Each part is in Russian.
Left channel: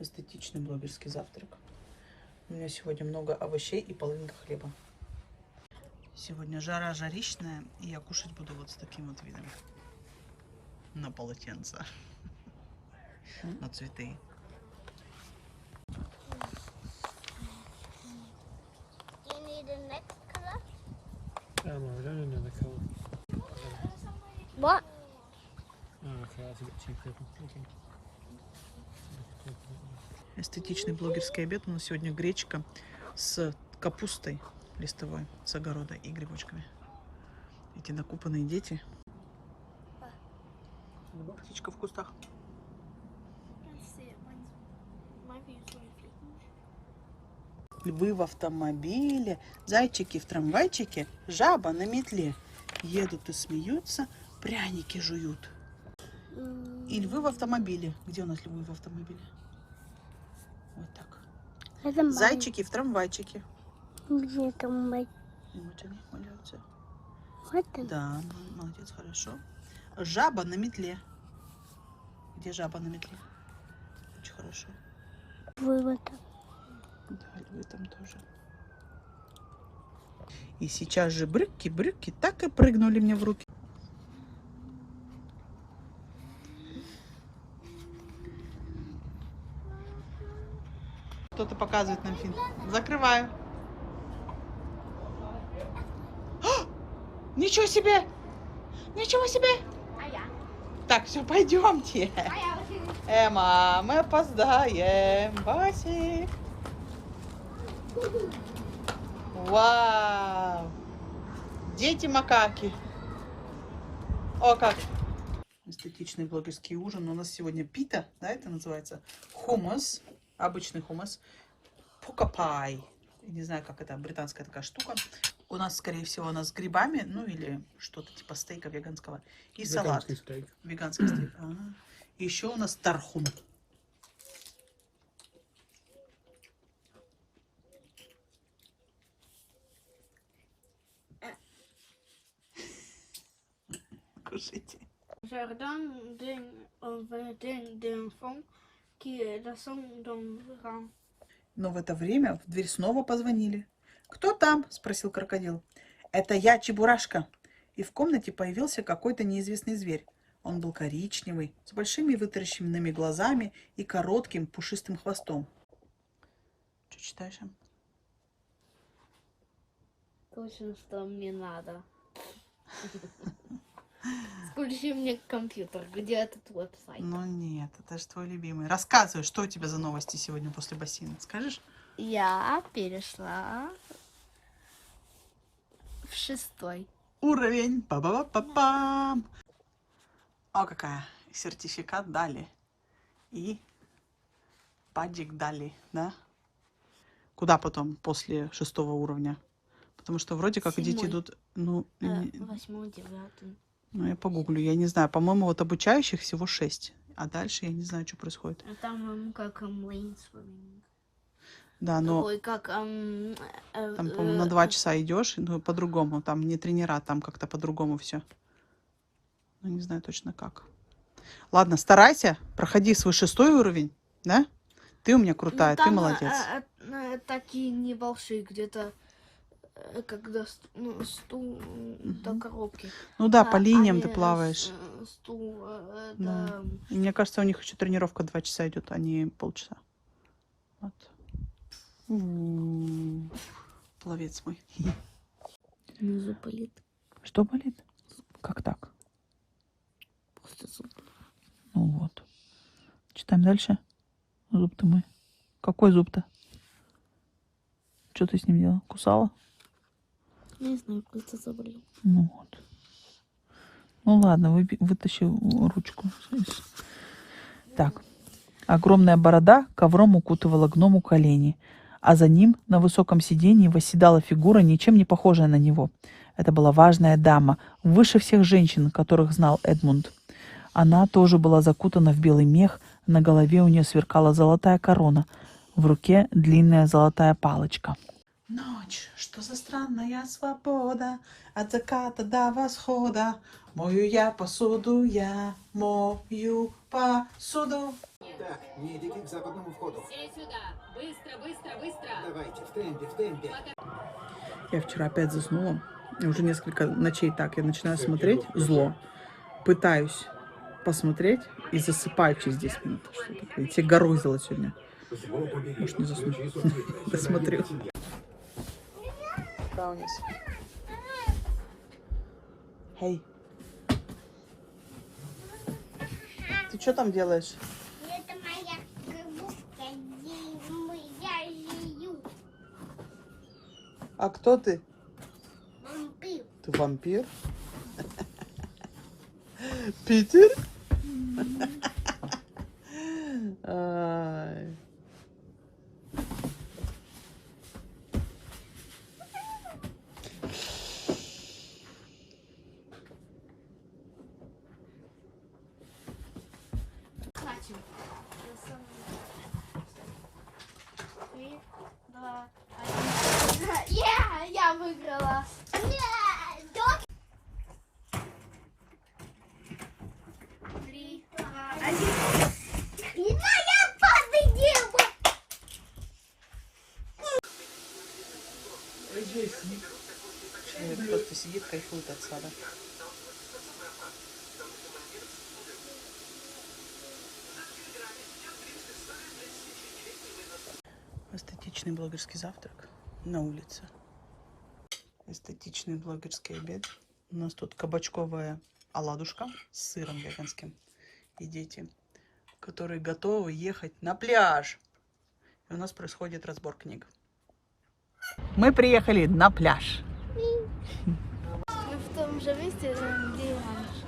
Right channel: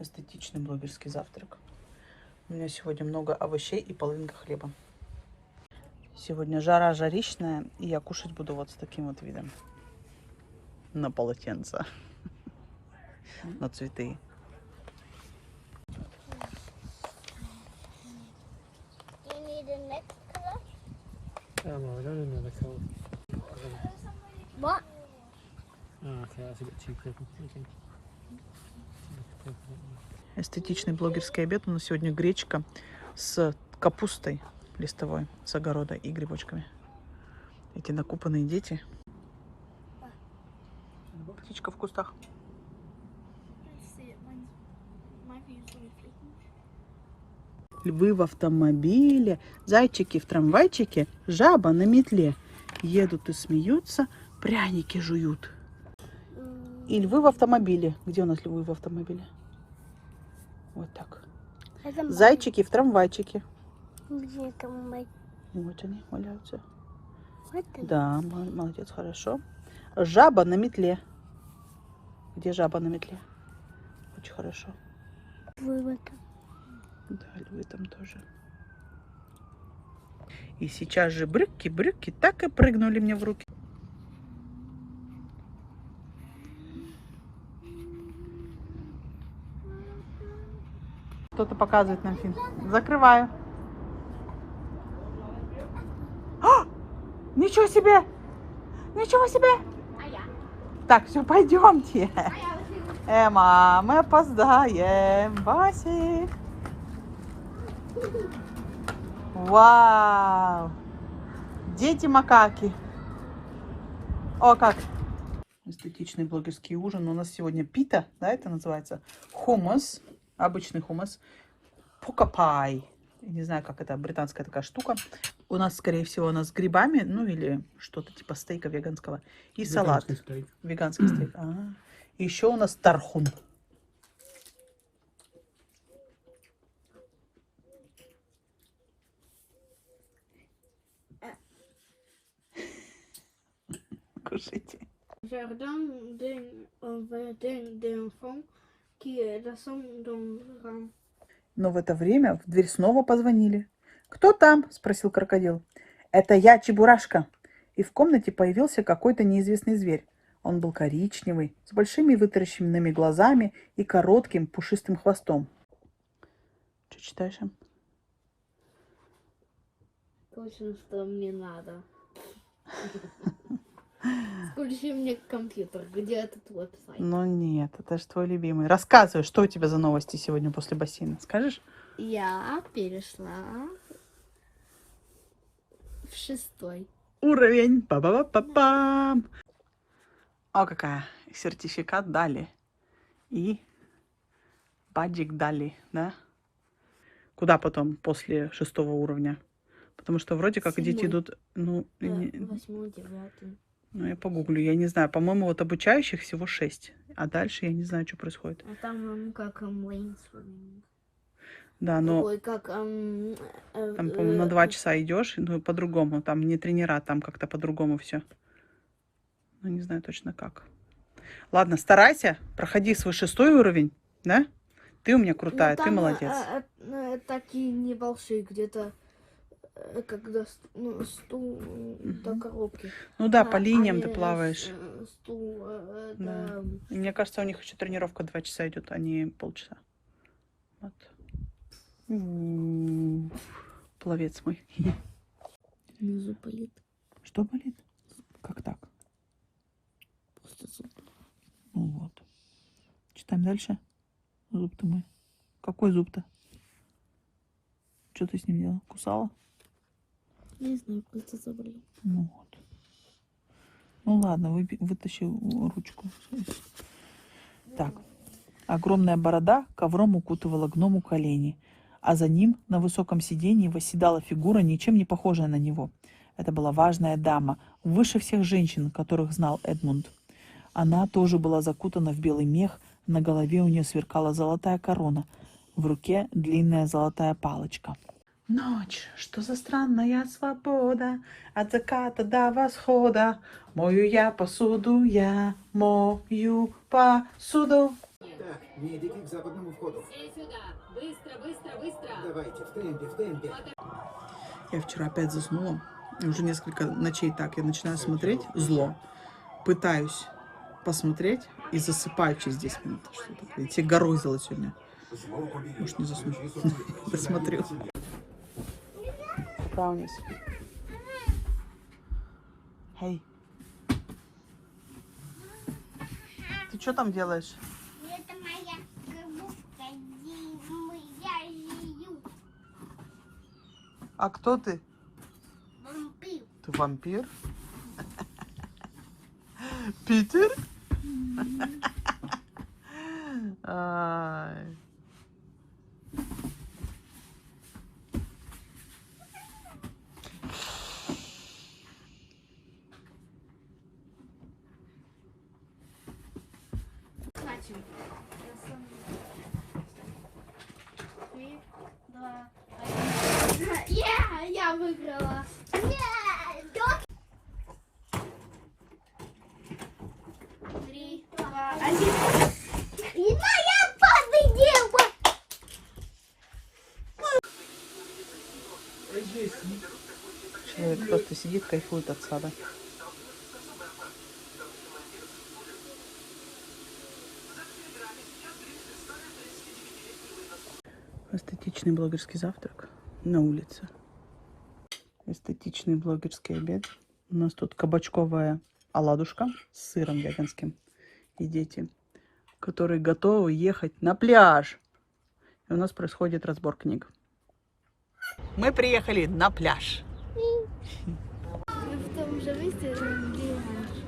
Эстетичный блогерский завтрак. У меня сегодня много овощей и половинка хлеба. Сегодня жара жарищная, и я кушать буду вот с таким вот видом. На полотенце. На цветы. No, I don't know the colour. What? Oh, okay, that's a bit too purple. Okay. Эстетичный блогерский обед. У нас сегодня гречка с капустой листовой с огорода и грибочками. Эти накупанные дети. Птичка в кустах. Львы в автомобиле, зайчики в трамвайчике, жаба на метле. Едут и смеются, пряники жуют. И львы в автомобиле. Где у нас львы в автомобиле? Вот так. Зайчики в трамвайчике. Где трамвай? Вот они валяются. Вот он. Да, молодец, хорошо. Жаба на метле. Где жаба на метле? Очень хорошо. Вывод. Да, львы там тоже. И сейчас же брюки так и прыгнули мне в руки. Кто-то показывает нам фильм. Закрываю. А! Ничего себе! Ничего себе! Так, все, пойдемте. Эмма, мы опоздаем. Басик. Вау! Дети-макаки. О, как! Эстетичный блогерский ужин. У нас сегодня пита, да, это называется? Хумус. Обычный хумус. Покапай. Не знаю, как это, британская такая штука. У нас, скорее всего, она с грибами, ну или что-то типа стейка веганского. И салат. Steak. Веганский стейк. Еще у нас тархун. Кушайте. Но в это время в дверь снова позвонили. «Кто там?» – спросил крокодил. «Это я, Чебурашка». И в комнате появился какой-то неизвестный зверь. Он был коричневый, с большими вытаращенными глазами и коротким пушистым хвостом. Что читаешь? Точно, что мне надо. Включи мне компьютер, где этот веб-сайт? Ну нет, это же твой любимый. Рассказывай, что у тебя за новости сегодня после бассейна. Скажешь? Я перешла в 6-й. Уровень. Па-ба-ба-па-пам. О, какая. Сертификат дали. И баджик дали, да? Куда потом после 6-го уровня? Потому что вроде как дети 7-й. идут... Ну, 8-й, 9-й. ну, я погуглю. Я не знаю. По-моему, вот обучающих всего 6. А дальше я не знаю, что происходит. А там как мейнстриминг. Да, но Ой, как... там, по-моему, на 2 часа идешь, но по-другому. Там не тренера, там как-то по-другому все. Ну, не знаю точно как. Ладно, старайся, проходи свой 6-й уровень, да? Ты у меня крутая, ты молодец. Такие небольшие, где-то когда до коробки. Ну да, по линиям ты они плаваешь. да. Да. И мне кажется, у них еще тренировка 2 часа идет, а не полчаса. Вот. Пловец мой. Внизу болит. Что болит? Как так? Просто зуб. Ну вот. Читаем дальше. Зуб-то мой. Какой зуб-то? Что ты с ним делала? Кусала? Не знаю, просто заболел. Ну вот. Ну ладно, вытащи ручку. Так. Огромная борода ковром укутывала гному колени, а за ним на высоком сиденье восседала фигура, ничем не похожая на него. Это была важная дама, выше всех женщин, которых знал Эдмунд. Она тоже была закутана в белый мех, на голове у нее сверкала золотая корона, в руке длинная золотая палочка. Ночь, что за странная свобода, от заката до восхода. Мою я посуду, я мою посуду. Так, не идите к западному входу. Все сюда! Быстро, быстро, быстро! Давайте, в темпе, в темпе. Я вчера опять заснула. Уже несколько ночей так. Я начинаю смотреть зло. Пытаюсь посмотреть и засыпаю через 10 минут. Что такое? Я тебе горозила сегодня. Может, не засну. Досмотрю. Браунис. Эй. Ты что там делаешь? Это моя коробка, где я живу. А кто ты? Вампир. Ты вампир? Питер? Ай. Начали. 3, 2, 1. Я выиграла. Нет, 3, 2, 1. и моя победила. Человек просто сидит, кайфует от сада. Эстетичный блогерский завтрак на улице. Эстетичный блогерский обед. У нас тут кабачковая оладушка с сыром веганским. И дети, которые готовы ехать на пляж. И у нас происходит разбор книг. Мы приехали на пляж. Мы в том же месте, где раньше.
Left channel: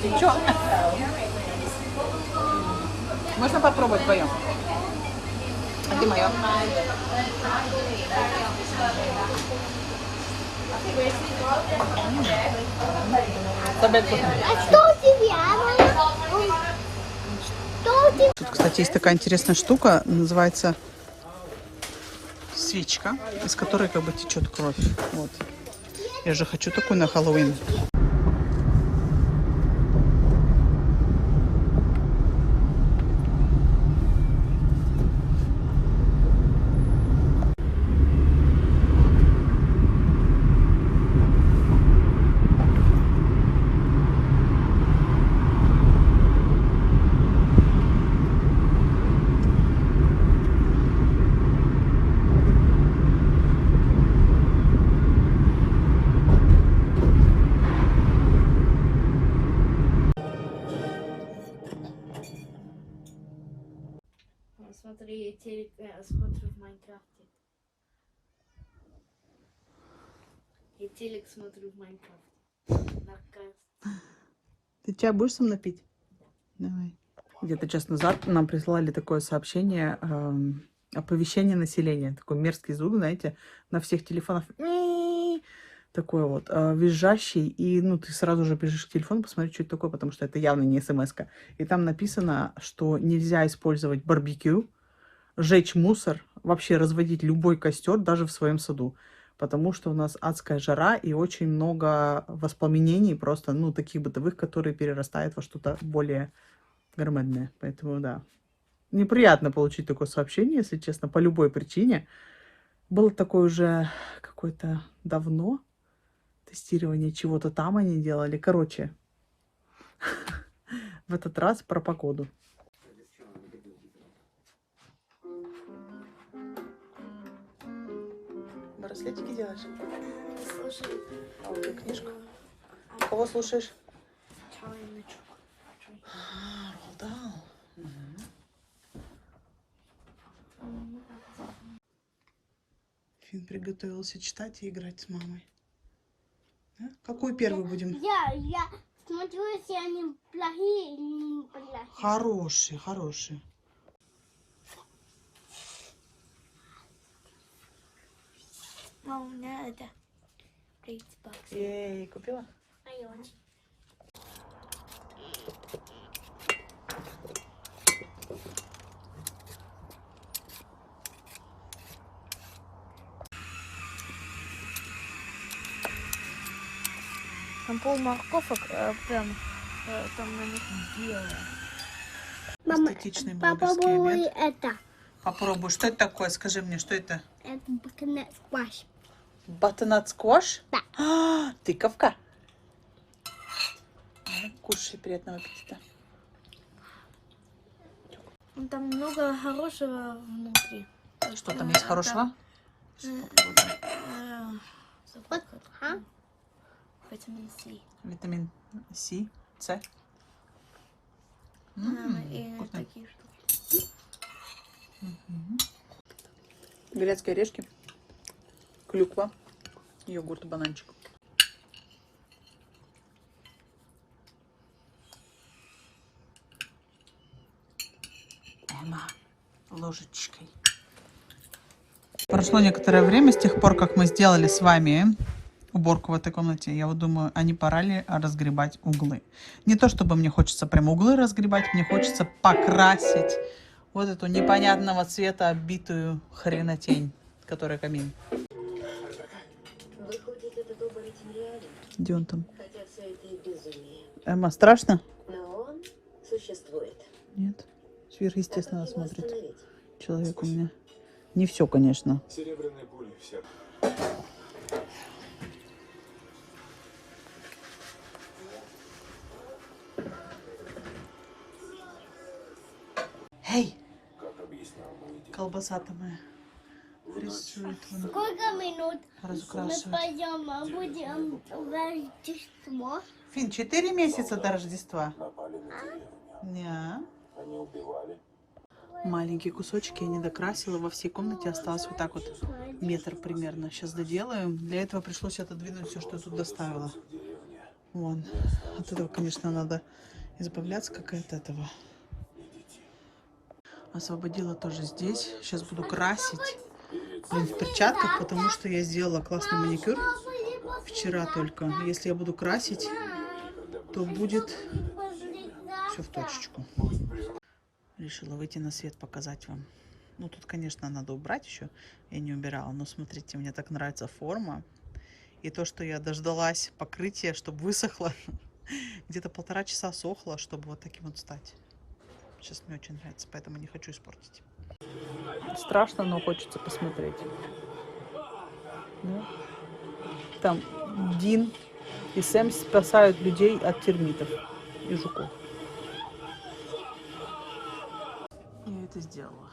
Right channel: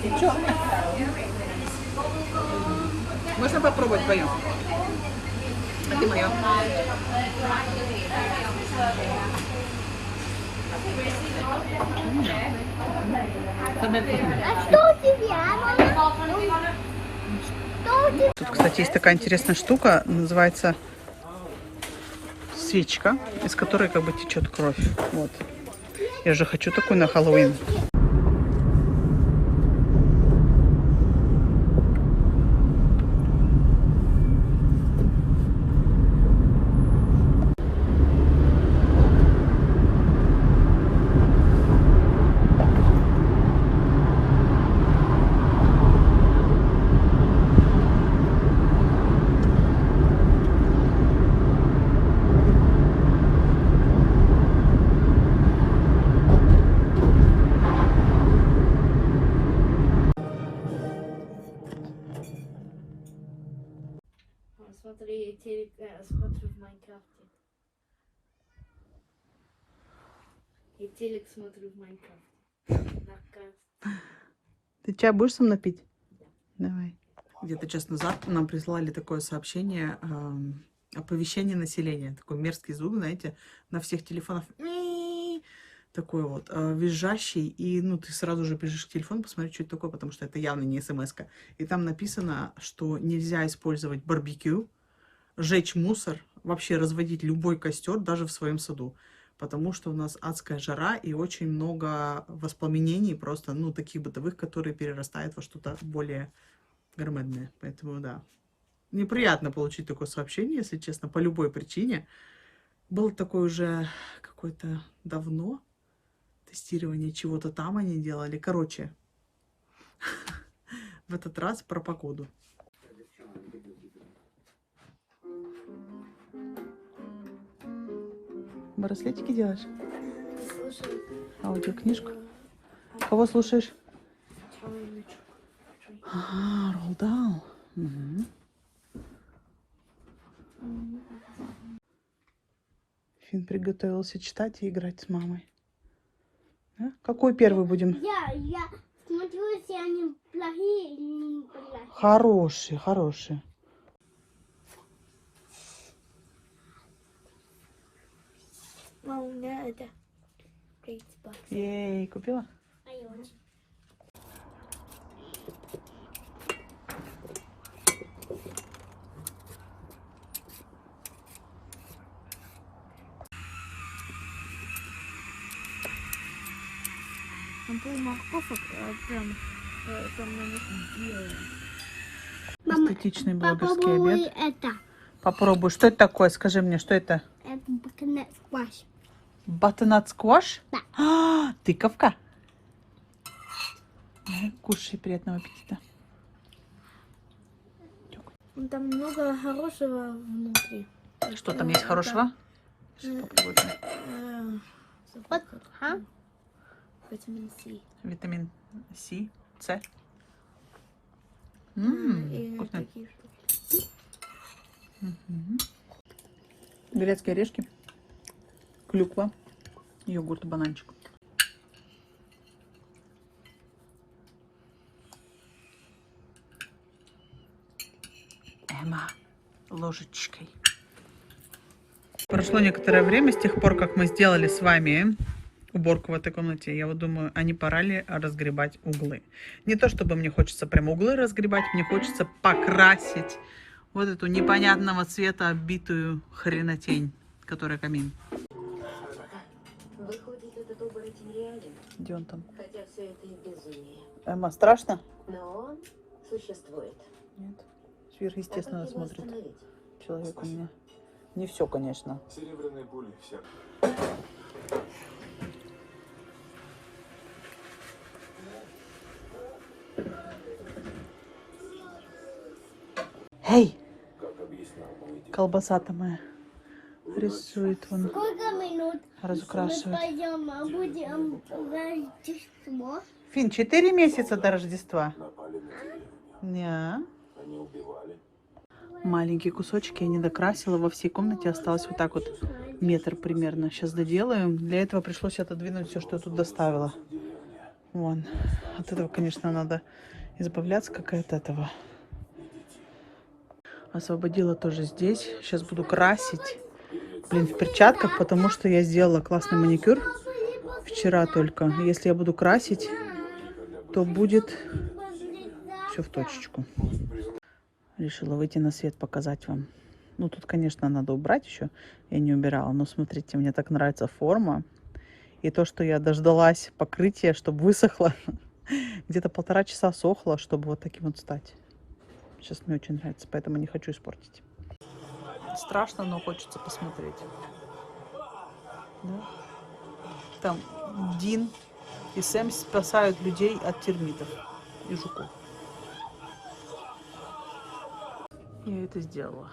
Ты чё? Можно попробовать твоё? А ты моё? А что у тебя? Что у тебя? Тут, кстати, есть такая интересная штука, называется свечка, из которой как бы течет кровь. Вот. Я же хочу такую на Хэллоуин. Смотри, телек, смотрю в Майнкрафте. И телек смотрю в Майнкрафте. На карте. Ты чай будешь со мной пить? Давай. Где-то час назад нам прислали такое сообщение, оповещение населения. Такой мерзкий звук, знаете, на всех телефонах. Такой вот визжащий. И ну, ты сразу же бежишь к телефону, посмотри, что это такое, потому что это явно не смс-ка. И там написано, что нельзя использовать барбекю, жечь мусор, вообще разводить любой костер даже в своем саду. Потому что у нас адская жара и очень много воспламенений просто, ну, таких бытовых, которые перерастают во что-то более громадное. Поэтому, да. Неприятно получить такое сообщение, если честно, по любой причине. Было такое уже какое-то давно. Тестирование чего-то там они делали. Короче, в этот раз про погоду. Браслетики делаешь? Слушай. А вот и книжку. Кого слушаешь? Чарли. Ага, Ролдаун. Угу. Фин приготовился читать и играть с мамой. Да? Какой первый будем? Я смотрю, если они плохие или не плохие. Хороший, хороший. А у меня это Xbox. Ей, купила? Там пол морковок прям там на них белое. Мама, Эстетичный блогерский попробуй обед. это. Попробуй. Что это такое? Скажи мне, что это? Это бакнет скваш. Батонат скваш? Да. А, тыковка. Кушай, приятного аппетита. Там много хорошего внутри. Что там есть хорошего? Вот, витамин С. Витамин С, С. И Вкусно. такие штуки. Грецкие орешки, клюква, йогурт, бананчик. Она ложечкой. Прошло некоторое время с тех пор, как мы сделали с вами уборку в этой комнате. Я вот думаю, а не пора ли разгребать углы? Не то, чтобы мне хочется прям углы разгребать, мне хочется покрасить вот эту непонятного цвета оббитую хренотень, которая камин. Выходит, этот оборотень реален, Где он там? хотя все это и безумие. Эмма, страшно? Но он существует. Нет. Сверхъестественно Как его смотрит остановить? человек у меня. Не все, конечно. Серебряные пули, все. Эй, Как объяснял мой дед, колбаса-то моя рисует он, Сколько минут мы разукрашивает. пойдем, а будем Рождество? Фин, 4 месяца до Рождества. напали на деревню. Не. Они убивали. Маленькие кусочки я не докрасила. Во всей комнате осталось вот так вот метр примерно. Сейчас доделаем. Для этого пришлось отодвинуть все, что я тут доставила. Вон. От этого, конечно, надо избавляться, как и от этого. Освободила тоже здесь. Сейчас буду красить. Блин, в перчатках, потому что я сделала классный маникюр вчера только. Если я буду красить, то будет все в точечку. Решила выйти на свет, показать вам. Ну, тут, конечно, надо убрать еще. Я не убирала. Но смотрите, мне так нравится форма. И то, что я дождалась покрытия, чтобы высохло. Где-то 1,5 часа сохло, чтобы вот таким вот стать. Сейчас мне очень нравится, поэтому не хочу испортить. Страшно, но хочется посмотреть. Да? Там Дин и Сэм спасают людей от термитов и жуков. Я это сделала.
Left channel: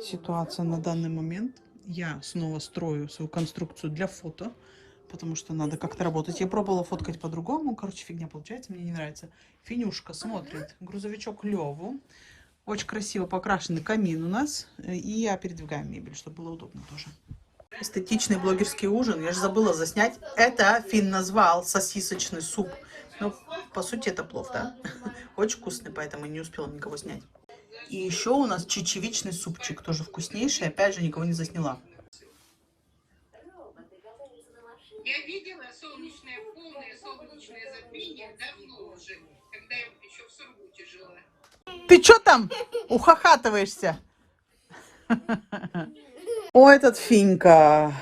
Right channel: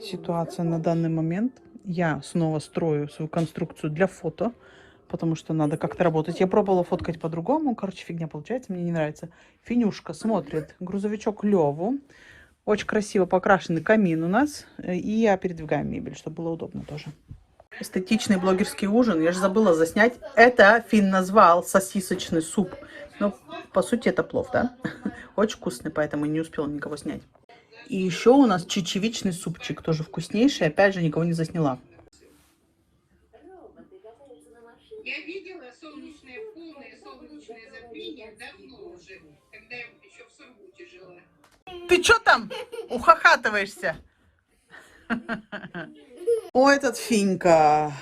Ситуация на данный момент. Я снова строю свою конструкцию для фото, потому что надо как-то работать. Я пробовала фоткать по-другому. Короче, фигня получается, мне не нравится. Финюшка смотрит грузовичок Леву. Очень красиво покрашенный камин у нас. И я передвигаю мебель, чтобы было удобно тоже. Эстетичный блогерский ужин. Я же забыла заснять. Это Фин назвал сосисочный суп. Но по сути это плов, да? Очень вкусный, поэтому не успела никого снять. И еще у нас чечевичный супчик. Тоже вкуснейший. Опять же, никого не засняла. Я видела полное солнечное затмение давно уже, когда я еще в Сургуте жила. Ты что там ухахатываешься? О, этот Финька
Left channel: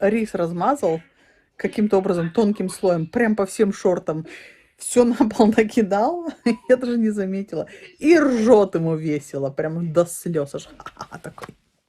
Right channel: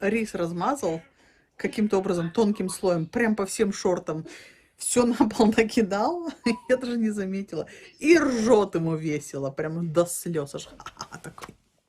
рис размазал каким-то образом тонким слоем, прям по всем шортам. Все на пол накидал, я даже не заметила. И ржет ему весело, прям до слез. Аж такой.